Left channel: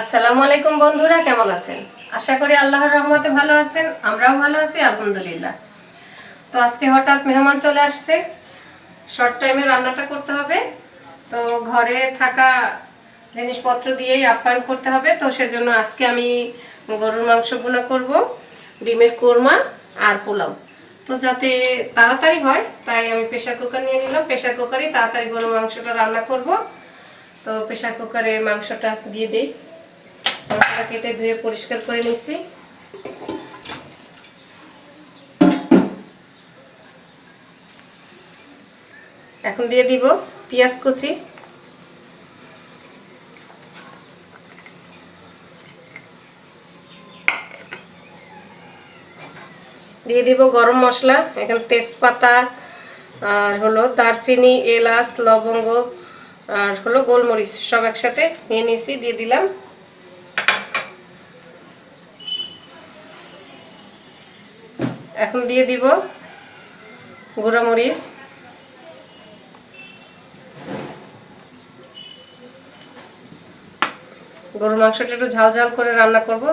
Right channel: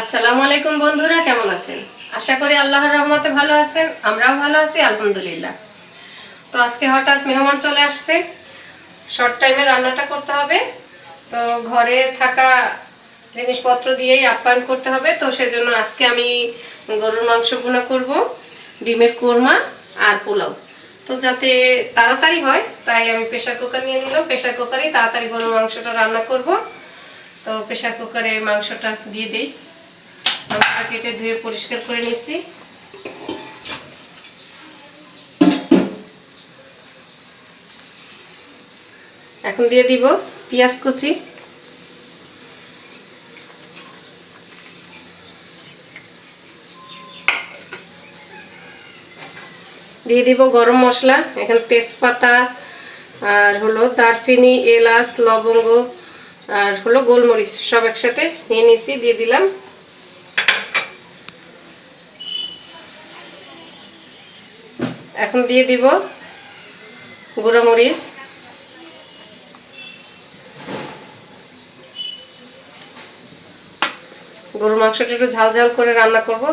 আসসালামু আলাইকুম বন্ধুরা, কেমন আছেন? আশা করি আল্লাহর রহমতে ভালো আছেন, আমরাও ভালো আছি, আলহামদুলিল্লাহ। তো আজকে হঠাৎ মেহমান চলে আসছে শর্ট টাইমে রান্নাটা করতে হবে। তো ঘরে থাকা জিনিসপত্র দিয়েই আপ্যায়ন করতে হবে, তো সেজন্য আজকে আমি গরুর মাংস ভুনা করব, ডিমের কোরমা আর পোলাও। তো যাতে তাড়াতাড়ি হয়, তাই আমি প্রেশার কুকার নিয়ে নিলাম। প্রেশার কুকারেই তাড়াতাড়ি গরুর মাংসটা রান্না করব। তো প্রেশার কুকারে মাংসটা দিয়ে দিই। মাংসটা কেটে ধুয়ে পরিষ্কার করে নিচ্ছি এখন দিয়ে দিব পেঁয়াজ কুচি। দিয়ে দিব গরম মশলা, এখানে তেজপাতা আর হলো দারচিনি, এলাচ, লবঙ্গ আর হলো গোলমরিচ সব একসাথে নিয়ে নিয়েছি, দিয়ে দিলাম। এখন দিয়ে দিব গুঁড়ো মরিচ। গরু মাংসটা একটু ঝাল ঝাল করে রান্না করব।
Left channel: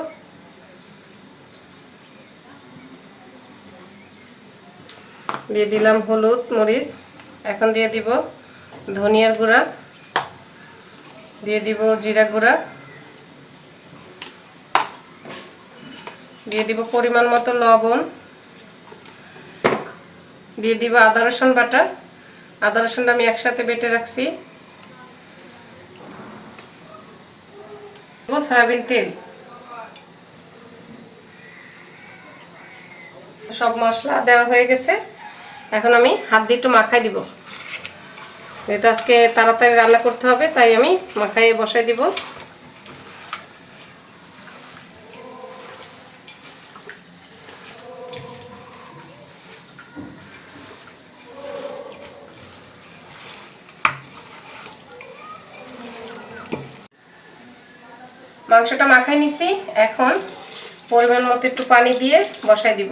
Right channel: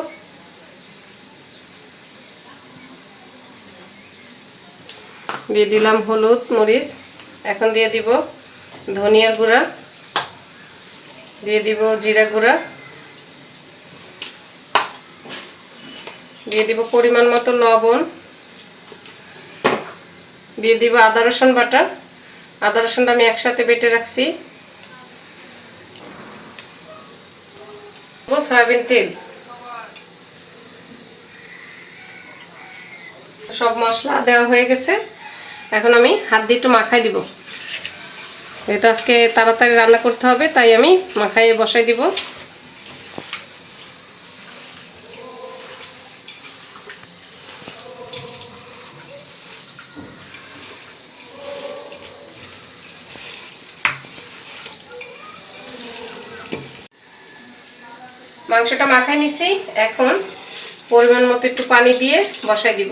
দিয়ে দিলাম হলুদ মরিচ। এখন দিয়ে দিব ধনিয়ার গুঁড়া। দিয়ে দিব জিরা গুঁড়া। দিয়ে দিব পরিমাণ মতো লবণ। দিয়ে দিব আদা, রসুন বাটা। আদা, রসুনটা আমি একসাথে বেটে রাখছি। সয়াবিন তেল। সব মশলা দেওয়া হয়ে গেছে। এখন আমি হাত দিয়ে একটু মাখাই দিব। যেহেতু আজকে তাড়াতাড়ি রান্না করতে হবে, তাই আমি মাখাই বসাই দিব। মাংসটা মাখায় নিছি। এখন পরিমাণ মতো একটু পানি দিয়ে বসাই দিব।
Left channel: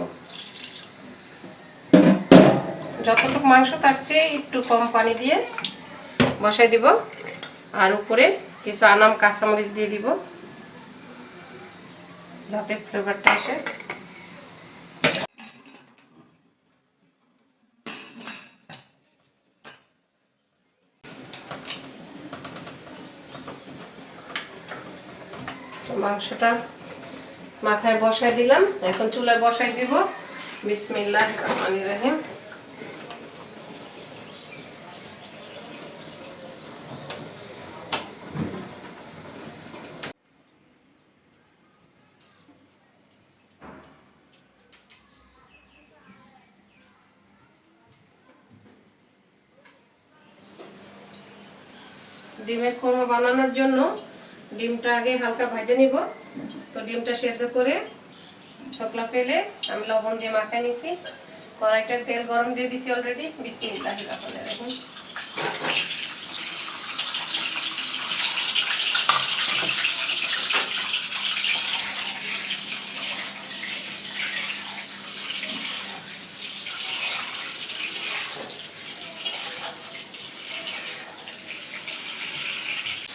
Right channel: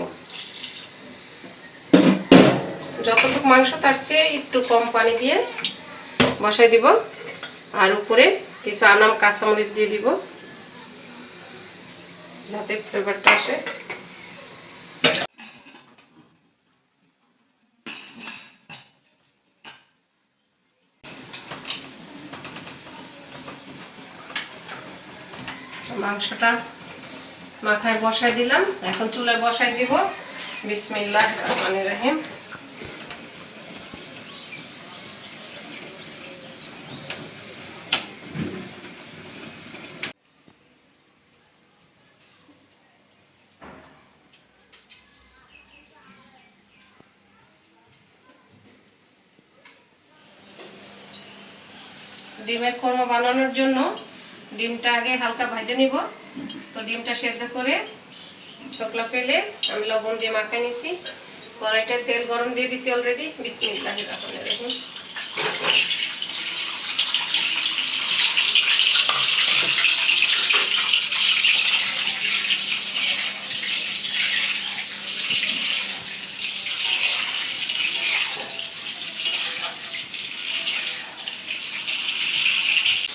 যতটুকু মাংস তার চেয়ে একটু কম পানি দিয়ে বসাই দিব। আর উপরে কিছু আনাম কাঁচামরিচ দিয়ে দিব। যাতে ফ্লেভারটা আসে। মাংসটা মাথায় বসাই দিলাম। এখন চুলায় বসাই দিব। বিসমিল্লাহ রহমান রাহিম। ডিমের কোরমা বানানোর জন্য ডিমটা আগে হালকা ভাজে নিব। তো ডিমটা সেদ্ধ করে শকলা ফেলে আমি লবণ দিয়ে মাখা নিছি। কড়াইটা তেল গরম দিয়ে দিছি অলরেডি বিশ মিনিট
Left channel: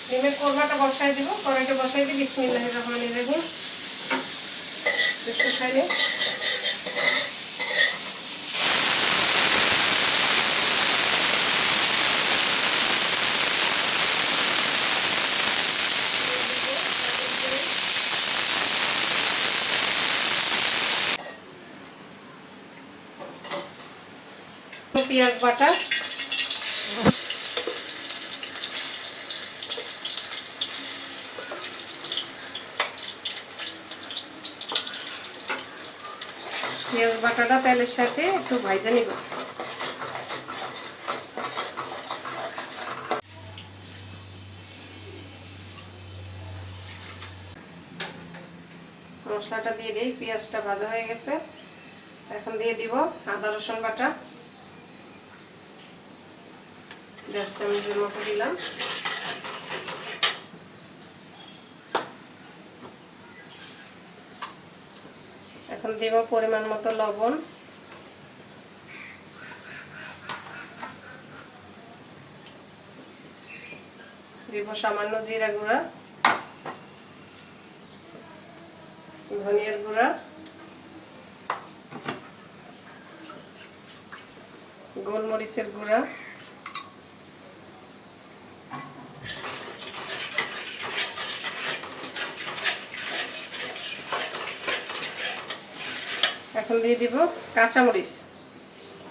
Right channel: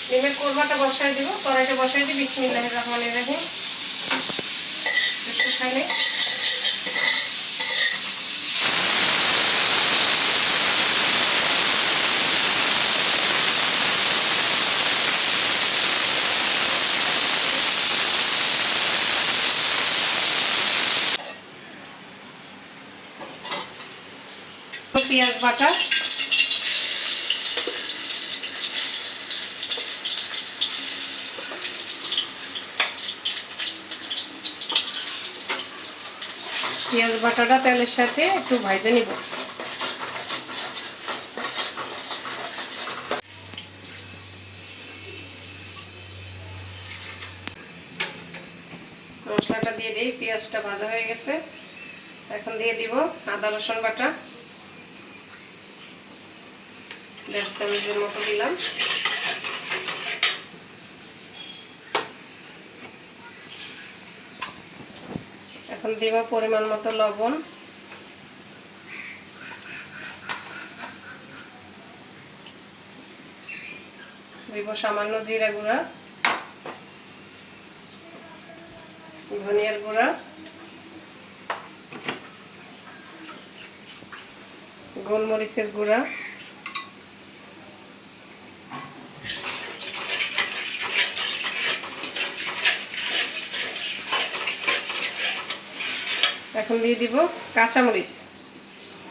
ডিমের কোরমাটা বসাই দিব কড়াইটা বসাই দিই বিসমিল্লাহ রহমান রাহিম। একটু খাইলে পেঁয়াজ বাটা। পেঁয়াজ বাটাটা তেলের সাথে একটু ভাজে নিব। মশলাটা দিয়ে দিই, পেঁয়াজটা ভাজা হয়ে গেছে। এখন দিয়ে দিব আদা, রসুন বাটা। দেড় চামচের মতো দিলাম। এখন দিব পরিমাণ মতো লবণ। দিব সামান্য জিরা গুঁড়া ধনিয়ার গুঁড়া গোলমরিচের গুঁড়া। এখন দিয়ে দিব কাঁচামরিচ।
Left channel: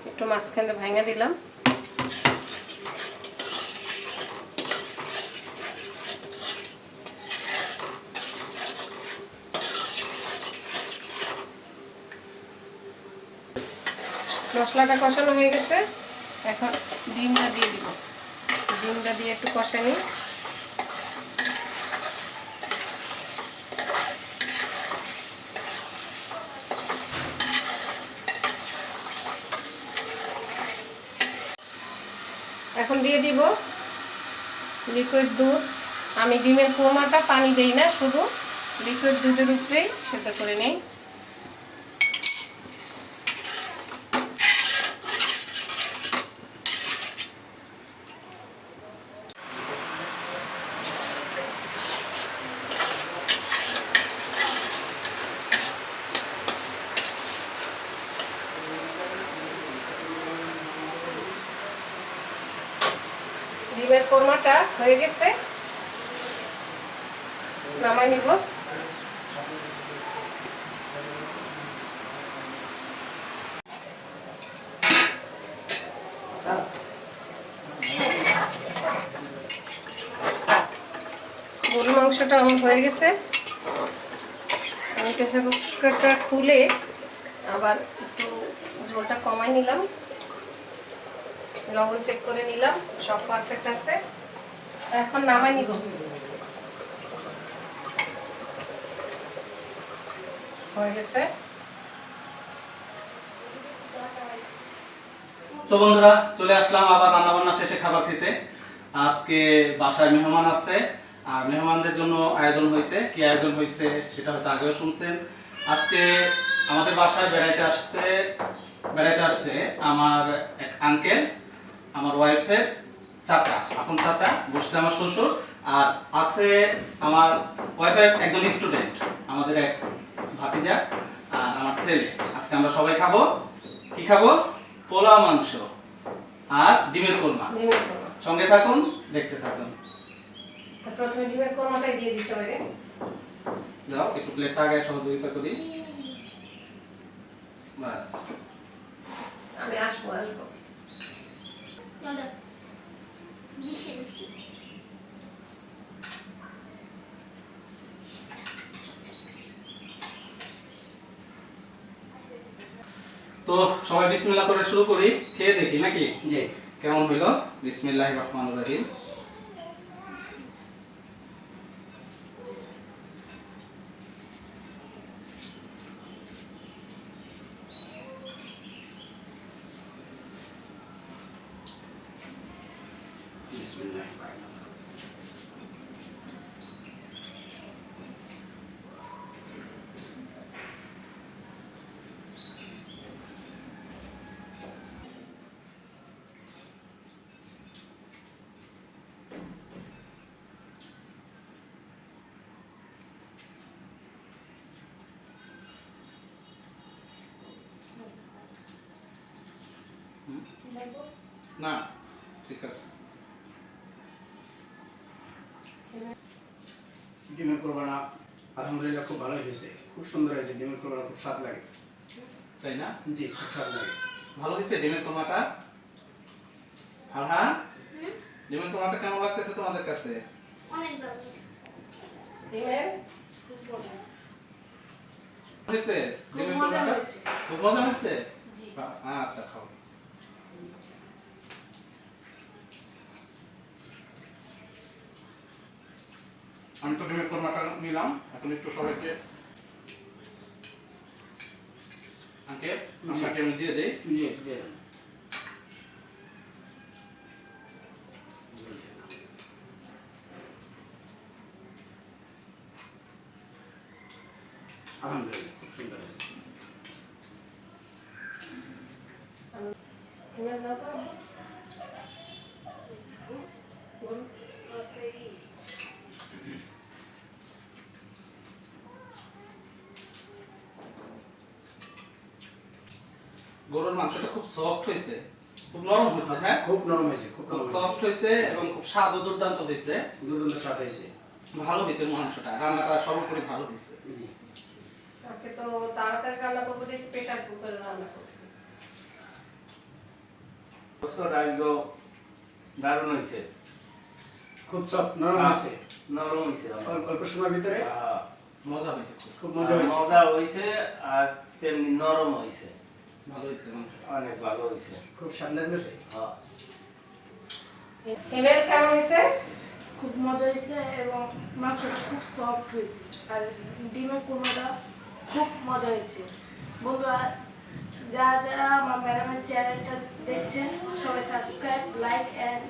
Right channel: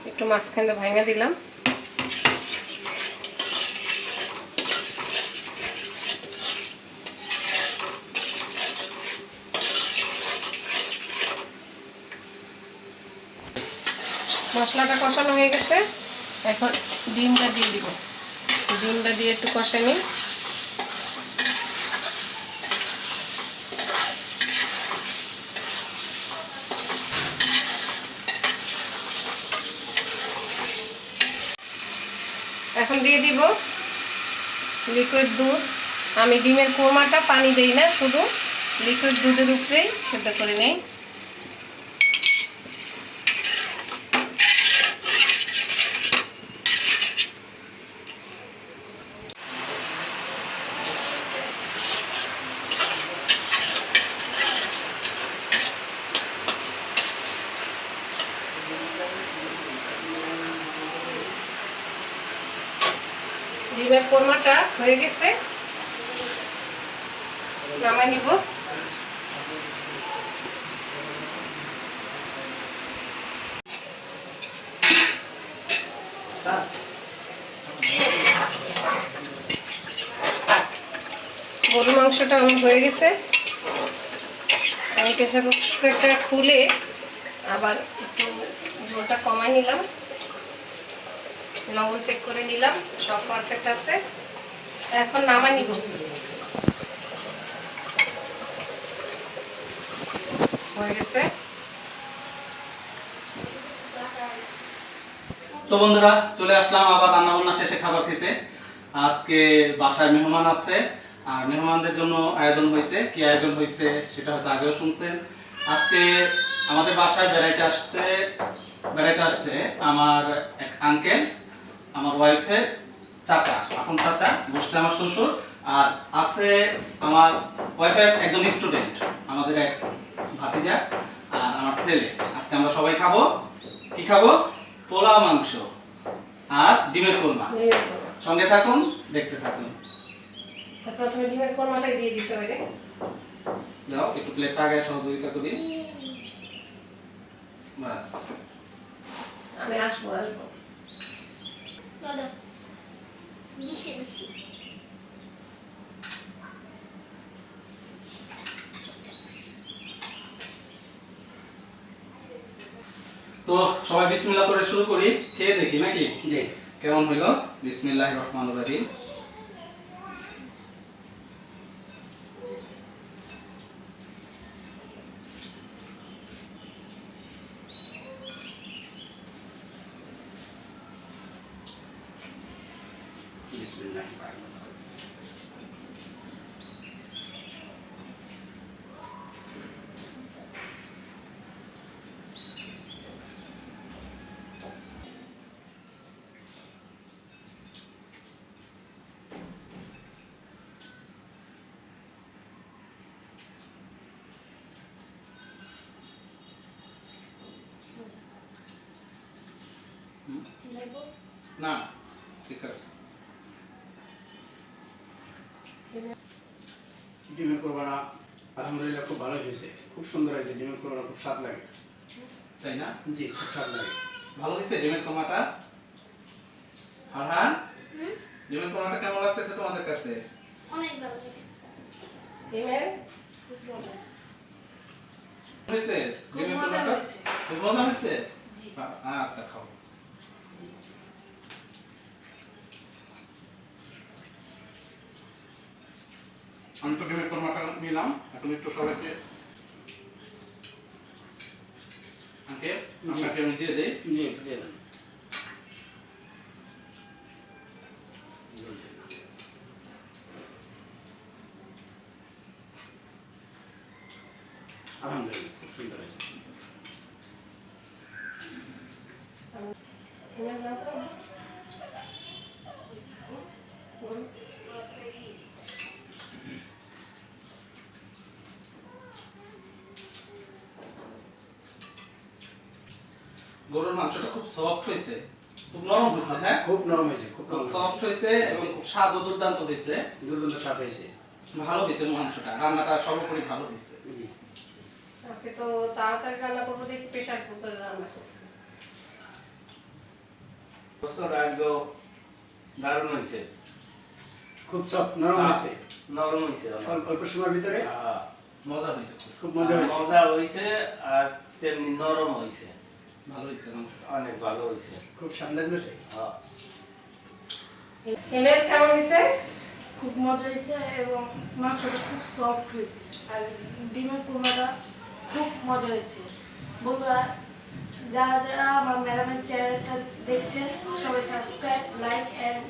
একটু মাঝখানে ভাঙা দিলাম। মশলাটা কষানো হয়ে গেছে। এখন ডিমটা দিয়ে দিব। ডিমটা দিয়ে একটু কষে এখন দিয়ে দিব লিকুইড দুধ। আমি ডিমের কোরমাটা পানি দেই না, শুধু লিকুইড দুধের উপরেই সেদ্ধ করে নেই। ডিমের কোরমাটা হয়ে গেছে। নামাই নিব। গরুর মাংসটা আমার হয়ে গেছে। আমি প্রেশার কুকারটা খুলে আবার একটু ঝোলটা কমাই নিলাম। লবণ চেক করে নিলাম, সব পারফেক্ট আছে। এখন নামাই নিব। হয়ে গেছে। তো বন্ধুরা, চলে আসলাম আবার রান্না বান্না শেষে খাবার খেতে। আজকে বাসায় মেহমান আছে, আর মেহমানদের জন্য আয়োজন হয়েছে। কি আয়োজন হয়েছে সেটা হয়তো আগেও শুনছেন। আজকে আমাদের বাসায় বেড়াইতে আসছে বেড়াইতে আসছে আমার এক আঙ্কেল আমার ওয়াইফের চাচা আপন চাচা বসছে আমার শ্বশুর আর আছে আমার ওয়াইফের একজন স্টুডেন্ট আমাদের এক ভাতিজা আর আমার ছেলে। আজকে আমরা সবাই খাব। কি খাব? পোলাও মাংস আর ডিমের কোরমা। সঙ্গে থাকুন দেখতে থাকুন। প্রথমে ডিমের কোরমাটাই দিয়ে দিতে হবে। যাও একটু প্লেটটা আগে সহযোগিতা করি বাস আমি আসব আসব চলো মিশে মিশে তো সবাই বিসমিল্লাহ করে শুরু করি খেয়ে দেখি নাকি? জি। কেমন হইল? বিসমিল্লাহ রহমান রহিম বিসমিল্লাহ না ঠিক আছে। ডিমের কোরবানা আলহামদুলিল্লাহ খুব ভালো হয়েছে। খুব সুন্দর হয়েছে ডিমের কোরবানা খুব স্বাদ লাগে। তাই না? জি খুব স্বাদ লাগে। ভালো দিচ্ছে ডিমের কোরমাটা ফারহান? ডিমের কোরমাটা কেমন লাগতেছে তোমাদের কাছে? অনেক ভালো। ডিমের? হয়েছে। ডিমের কোরমাটা খুব মজা হয়েছে? আচ্ছা খাও। আমি তো ডিমের কোরমাটা নিলাম এখন একটু সবাইকে আপনাকে আমি দিয়ে দেই। জি দিয়ে আলহামদুলিল্লাহ খুব সুন্দর হয়েছে ডিমের নাম তো? গরু। গরুর মাংসটা খুব সফট হয়েছে খুব নরম হয়েছে হ্যাঁ? খুব নরম হয়েছে খুব সফট হয়েছে এবং খুব স্বাদও দুর্দান্ত হয়েছে দুর্দান্ত স্বাদ হয়েছে ভালো হয়েছে মাংসটা রান্নাটা সর্বোপরি ভালো হয়েছে আজকে তো তাড়াতাড়ি রান্না করব দেখি প্রেশার কুকারে রান্না করছি। দারুণ হয়েছে খুব সফট নরম হয়েছে নরম হয়েছে অল্প- অল্প সময়ের ভিতরে? মজা হয়েছে খুব। খুব মজা হয়েছে মজা হয়েছে আর তেমনি নরম হয়েছে ভালো হয়েছে অনেক ভালো হয়েছে। খুব স্বাদ লাগতেছে হ্যাঁ। হিমেল কেমন হয়েছে? খুব মজা হয়েছে এবং মাংসটা খুব সফট হয়েছে। আর ডিমের কুরমাটা খুব মজা হয়েছে। বন্ধুরা যারা যারা আমার ম্যাডামের চ্যানেলটা দেখছেন সবাই subscribe like and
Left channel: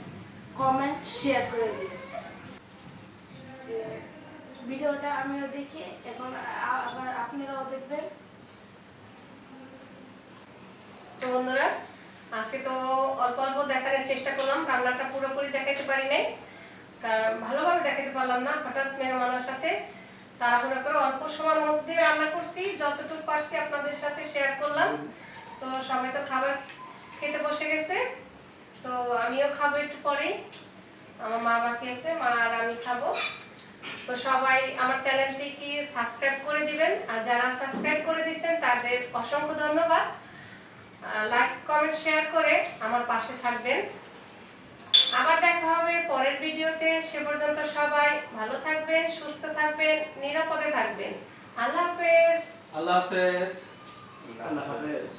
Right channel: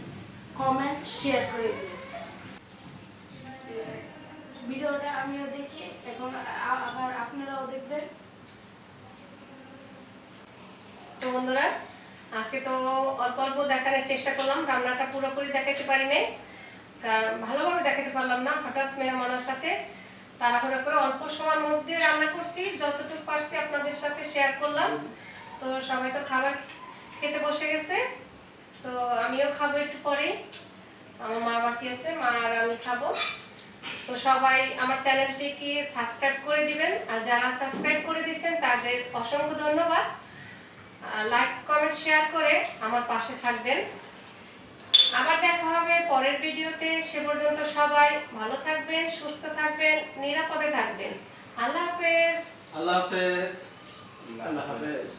comment share করে দিন। ভিডিওটা আমিও দেখি এখন আবার আপনারাও দেখবেন। তো বন্ধুরা, আজকে তো অল্প অল্প দেখানোর চেষ্টা করলাম, রান্নাটা পুরোপুরি দেখাতে পারি নাই। কারণ ভালোভাবে দেখাতে পারলাম না, হঠাৎ মেহমানের সাথে তাড়াহুড়া করে অল্প সময়ের মধ্যে রান্না করছি, যতটুকু পারছি আপনাদের সাথে শেয়ার করলাম। তো সবাই তো খাবার খেতে বসে গেছে, তো আমিও খাব একটু পরেই। আমার মা বাকি আছে, মা আর আমি খাব। তো সবাই আমার চ্যানেলটিকে সাবস্ক্রাইব করে দিবেন, আর যারা সাবস্ক্রাইব করে দিয়েছেন তাদের অসংখ্য ধন্যবাদ। লাইক কমেন্ট শেয়ার করে আমার পাশে থাকবেন। আবার দেখা হবে পরের ভিডিওতে। সে পর্যন্ত সবাই ভালো থাকবেন সুস্থ থাকবেন নিরাপদে থাকবেন। আল্লাহ হাফেজ। আল্লাহ হাফেজ। আল্লাহ হাফেজ।